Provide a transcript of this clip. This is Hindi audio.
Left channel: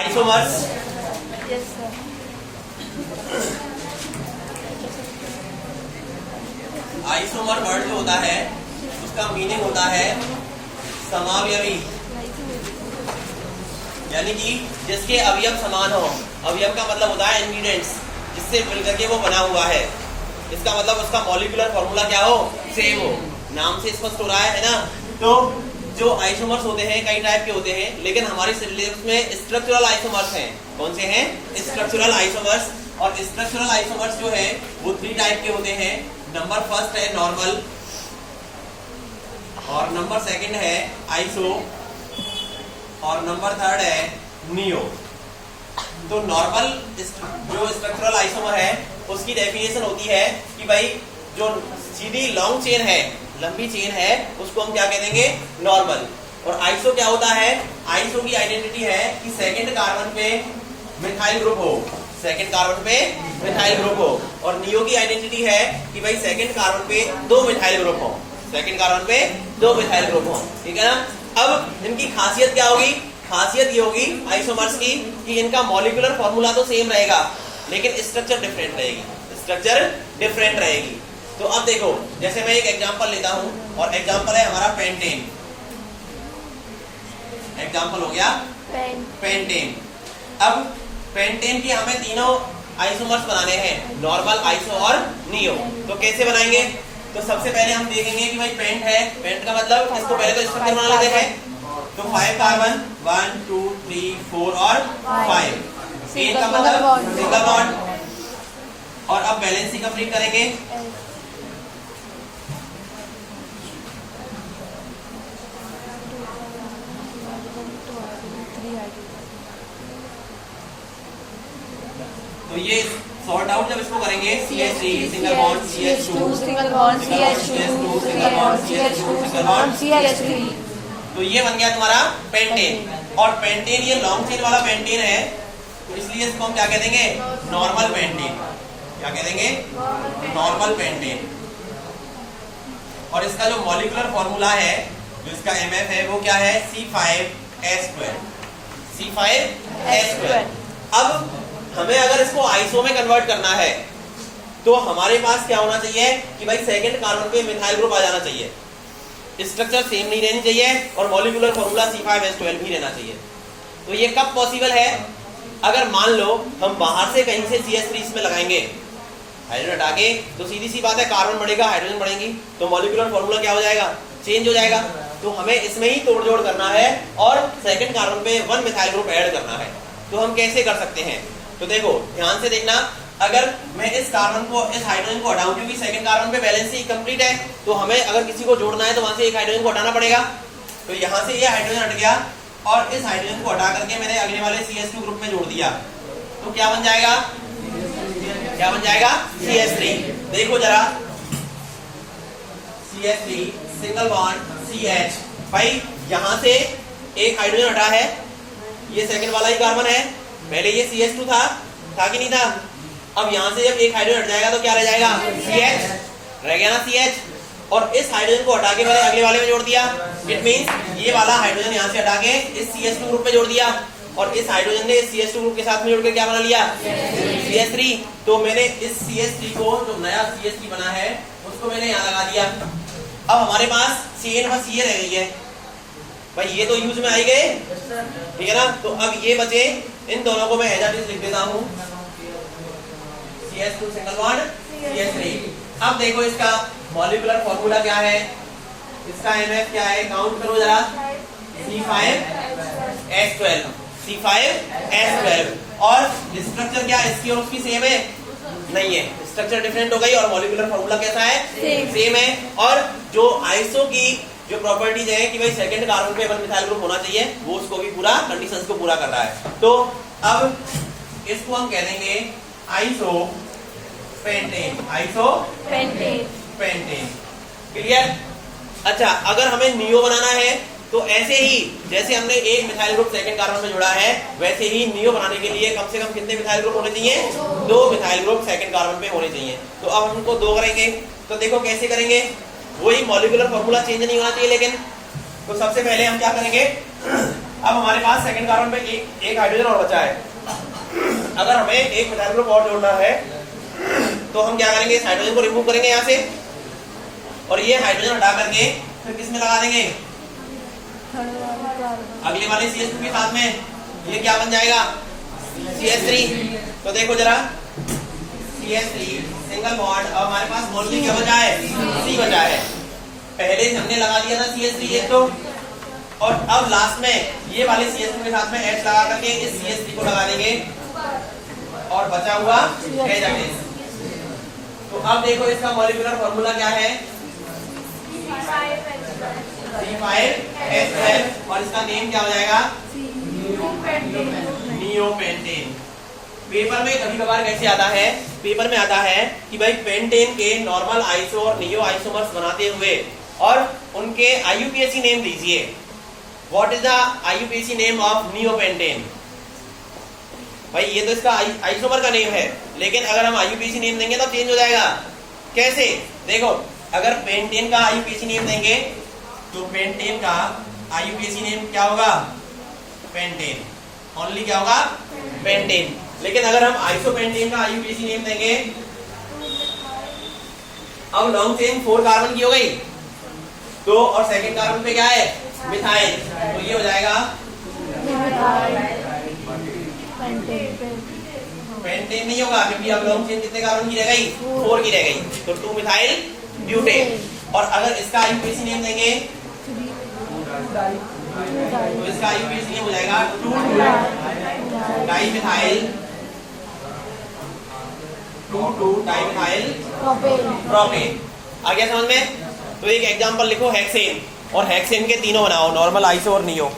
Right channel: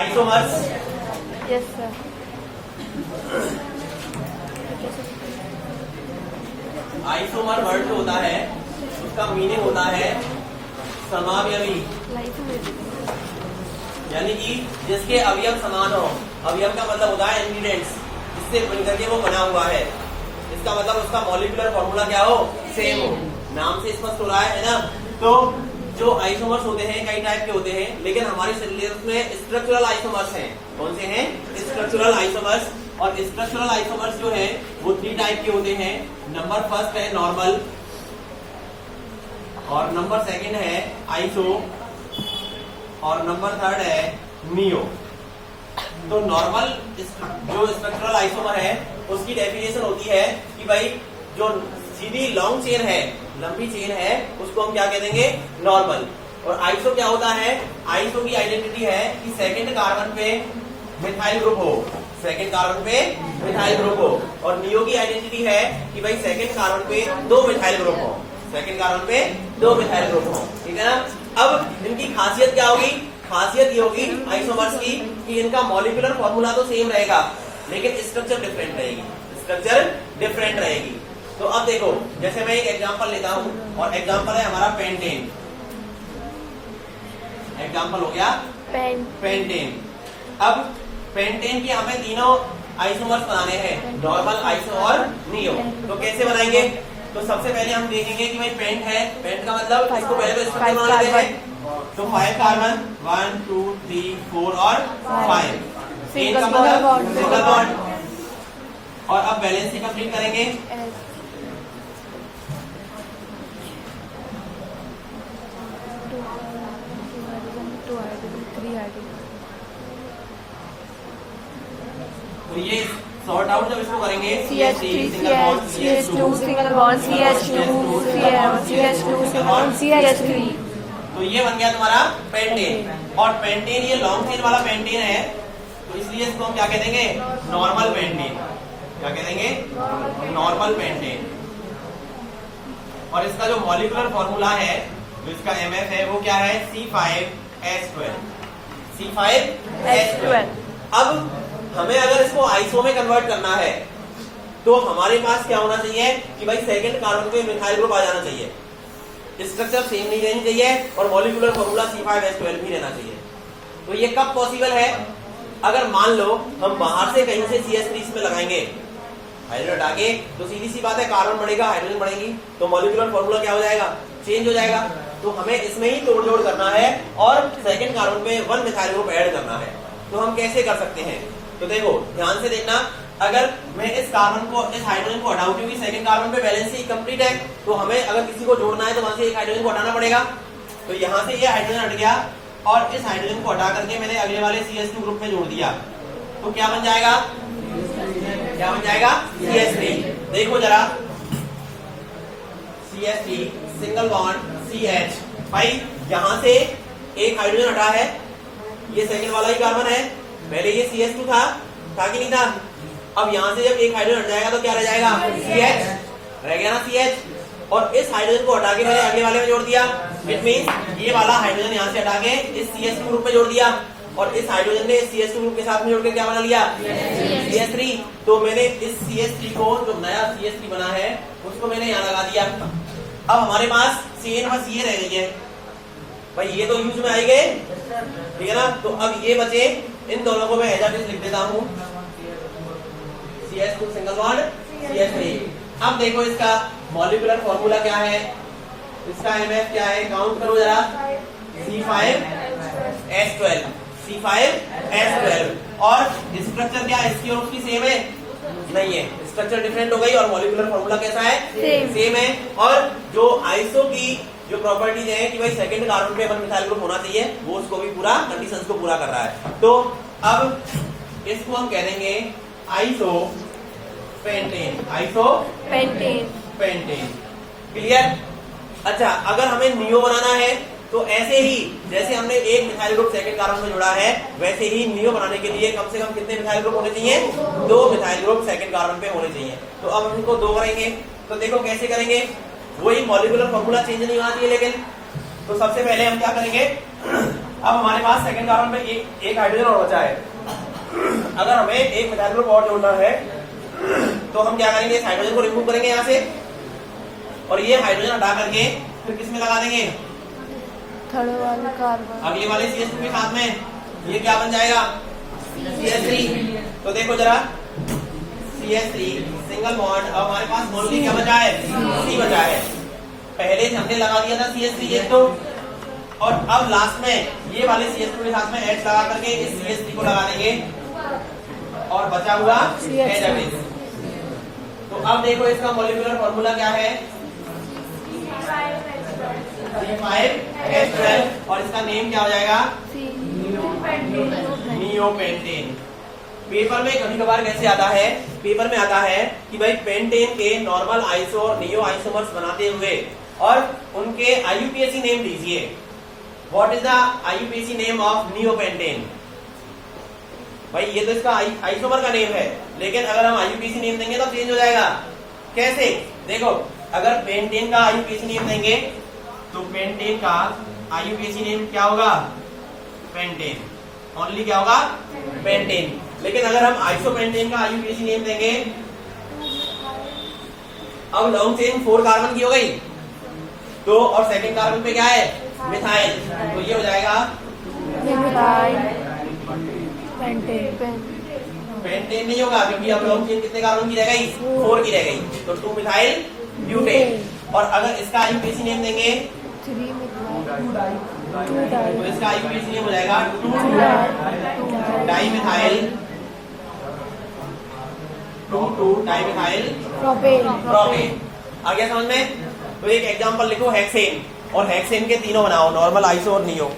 Isomers. Yes sir. Isomer word जो होता है उसका मीनिंग होता है समावयवी, यानी कि जिसके अवयव समान हो। अवयव का मतलब होता है इंग्रेडिएंट्स, जिससे मिलकर के वो बना हुआ है। इसका मतलब उसका मॉलिक्यूलर फॉर्मूला क्या हो, सेम हो। नाम से स्पष्ट हो रहा है ना। तो जो आइसोमर्स होते हैं कई टाइप के होते हैं, लेकिन हमारे सिलेबस में स्ट्रक्चरल आइसोमर्स हैं। कौन से हैं? Structural isomers. और स्ट्रक्चरल आइसोमर्स जो है वो 3 टाइप के होते हैं। नंबर फर्स्ट है नॉर्मल, और नंबर सेकंड है आइसो, और नंबर थर्ड है नियो। तो नॉर्मल जो स्ट्रक्चरल आइसोमर है उसकी डेफिनेशन होती है कि भाई जो सीधी लॉन्ग चेन है, लंबी चेन है, उसको हम क्या कह देंगे? नॉर्मल। और आइसो क्या होता है? आइसो की आइडेंटिटी है कि सेकंड कार्बन पे मिथाइल ग्रुप हो, सेकंड कार्बन पे मिथाइल ग्रुप हो। और नियो की आइडेंटिटी है कि भाई सेकंड कार्बन पे 2 मिथाइल ग्रुप हो, सेकंड कार्बन पे 2 मिथाइल ग्रुप हो। ठीक है ना। अब इनकी खासियत क्या होगी? खासियत ये होगी आइसोमर्स की कि इनका मॉलिक्यूलर फॉर्मूला तो सेम रहेगा, लेकिन स्ट्रक्चर डिफरेंट रहेगी, स्ट्रक्चर डिफरेंट रहेगी। तो अब देखो, जैसे मैं एक एग्जांपल लेता हूं, और एग्जांपल है हमारा पेंटेन। एग्जांपल हो गया पेंटेन। अब पेंटेन की हमें तीनों आइसोमर्स बनाने हैं, नॉर्मल, आइसो और नियो। तो कैसे बनाएंगे? तो सबसे पहले हम देखेंगे कि भाई पेंट है। पेंट का मतलब इसको पहले तो स्ट्रक्चर बना लेते हैं। तो 5 कार्बन, 1 2 3 4 और 5। चेन का मतलब सिंगल बॉन्ड। और अब बैलेंस ही कंप्लीट करेंगे। तो ये सॉर्ट आउट जब इसको करेंगे, CH3 single bond, CH2 single bond, CH2 single bond, CH2 single bond, CH3। तो ये बन गया तुम्हारा पेंटेन। और पेंटेन ये लॉन्ग चेन वाला पेंटेन है, तो इसलिए इसको हम क्या कह देंगे? Normal pentane. क्या कह देंगे? Normal pentane. और इसका जो मॉलिक्यूलर फॉर्मूला है, जो इसका MF है, वो क्या है? C5H12। C5H12। अब हमें अगर इसको आइसो में कन्वर्ट करना है तो हमारे पास क्या होना चाहिए कि भाई सेकंड कार्बन पे मिथाइल ग्रुप आ जाना चाहिए, स्ट्रक्चर सेम नहीं रहनी चाहिए, और मॉलिक्यूलर फॉर्मूला C5H12 ही रहना चाहिए। तो ये कब पॉसिबल है? अगर मान लो हम बाहर से कहीं से CH3 इसमें लगाएंगे, हाइड्रोजन हटा के, तो सीधी सी बात है कार्बन बढ़ेगा, हाइड्रोजन बढ़ेंगी, तो मॉलिक्यूलर फॉर्मूला क्या हो जाएगा? चेंज हो जाएगा। तो हमें इसमें ही तोड़ जोड़ करना है और सेकंड कार्बन पे 1 मिथाइल ग्रुप ऐड करना है। तो हम कैसे कर सकते हैं? तो देखो, ध्यान से देखना। अगर मैं इस कार्बन को, इस हाइड्रोजन को हटाऊं, क्योंकि सेकंड कार्बन पे बैलेंस ही कंप्लीट है, तो हमें अगर किसी को जोड़ना है तो वहां से एक हाइड्रोजन को हटाना पड़ेगा। तो यहाँ से ये हाइड्रोजन हट गया, और इस हाइड्रोजन को हटा करके मैंने अगले वाले CH2 ग्रुप में जोड़ दिया। तो क्या बन जाएगा? क्या बन जाएगा? CH3। देखो जरा, CH3 सिंगल बॉन्ड CH। भाई यहाँ से एक हाइड्रोजन हटा है, ये सेकंड वाला ही कार्बन है, पहले ये CH2 था कि नहीं था? अब यहाँ से जब एक हाइड्रोजन हट जाएगा तो क्या रह जाएगा? CH रह गया ना, CH। और इस हाइड्रोजन को हटा के मैंने अगले वाले में जोड़ दिया। इट मींस ये वाला हाइड्रोजन यहाँ से हटा के इस CH2 ग्रुप में जोड़ दिया, और इस हाइड्रोजन ने इस CH2 ग्रुप के साथ में जोड़ के क्या बना लिया? CH3। तो मैंने इस CH3 को, जो नया CH3 बना है, उसको मैंने यहाँ लगा दिया। अब हमारे पास चेन बस ये रह गई है। भाई ये तो यूज में आई गए, ठीक है ना। तो अब ये बचे, इन दोनों को मैं एज इट इज लिख देता हूं, CH2 सिंगल बॉन्ड CH3। अब देखो इसका मॉलिक्यूलर फॉर्मूला क्या है, इसका MF क्या है? काउंट करो जरा, C5H12। C5H12। और स्ट्रक्चर क्या इसकी और उसकी सेम है? नहीं है, स्ट्रक्चर डिफरेंट हो गई, और मॉलिक्यूलर फॉर्मूला कैसा है? सेम है। और जो आइसो की जो प्रॉपर्टीज है कि भाई सेकंड कार्बन पे 1 मिथाइल ग्रुप होना चाहिए, वो उसको भी पूरा, कंडीशंस को पूरा कर रहा है। तो अब इसको हम कह देंगे iso pentane. Iso pentane. Clear? अच्छा, अगर हमें नियो बनाना है तो ऐसे ही जैसे हमने एक मिथाइल ग्रुप सेकंड कार्बन में जोड़ा है, वैसे ही नियो बनाने के लिए कम से कम कितने मिथाइल ग्रुप होने चाहिए? 2 मिथाइल ग्रुप सेकंड कार्बन पे होने चाहिए। तो अब हम उनको 2 करेंगे। तो देखो कैसे करेंगे, वही मॉलिक्यूलर फॉर्मूला चेंज नहीं होना चाहिए लेकिन। तो सबसे पहले हम क्या करेंगे, अब हमारे पास सेकंड कार्बन पे एक हाइड्रोजन और बचा है। अगर हमें एक मिथाइल ग्रुप और जोड़ना है तो हम क्या करेंगे, इस हाइड्रोजन को रिमूव करेंगे यहाँ से और ये हाइड्रोजन हटा करके फिर किस में लगा देंगे, थर्ड वाला कार्बन, अगले वाले CH2 के साथ में। ये क्या बन जाएगा, CH3। तो देखो जरा, CH3 सिंगल बॉन्ड। अब हमारे पास ओनली क्या बचा है, C बचा है। पहले हमने लगा दिया था CH3 एक तो, और अब लास्ट में ये वाले CH2 के साथ में H लगा करके इस CH3 को लगा देंगे और बचा हुआ H। तो अब देखो इसका मॉलिक्यूलर फॉर्मूला क्या है, C5H12 और इसका नेम क्या हो जाएगा, नियोपेंटेन। पेपर में कभी कभार कैसे आता है, पेपर में आता है कि भाई पेंटेन के नॉर्मल आइसो और नियो आइसोमर्स बनाते हुए और उनके IUPAC नेम दीजिए। What is the IUPAC name of neopentane. भाई ये तो इसका आइसोमर का नेम है, लेकिन अगर हम IUPAC नेम देंगे तो चेंज हो जाएगा। कैसे, देखो अगर पेंटेन का IUPAC नेम देंगे तो पेंटेन का IUPAC नेम क्या होगा, पेंटेन, ओनली क्या होगा, पेंटेन। लेकिन अगर हम आइसोपेंटेन का IUPAC नेम देंगे, अब लॉन्ग चेन 4 कार्बन की हो गई तो, और सेकंड कार्बन पे क्या है, मिथाइल, तो ये हो जाएगा पेंटेन नहीं होगा क्योंकि अब लॉन्ग चेन कितने कार्बन की रह गई, 4 की रह गई, तो 2 मिथाइल ब्यूटेन। और अगर इसका IUPAC नेम देंगे तो इसका IUPAC नेम हो जाएगा 2 डाइमिथाइल, 2 डाइमिथाइल प्रोपेन। आ गया समझ में। तो एक एग्जांपल लिखो हेक्सेन, और हेक्सेन के तीनों बनाओ, नॉर्मल, आइसो और नियो।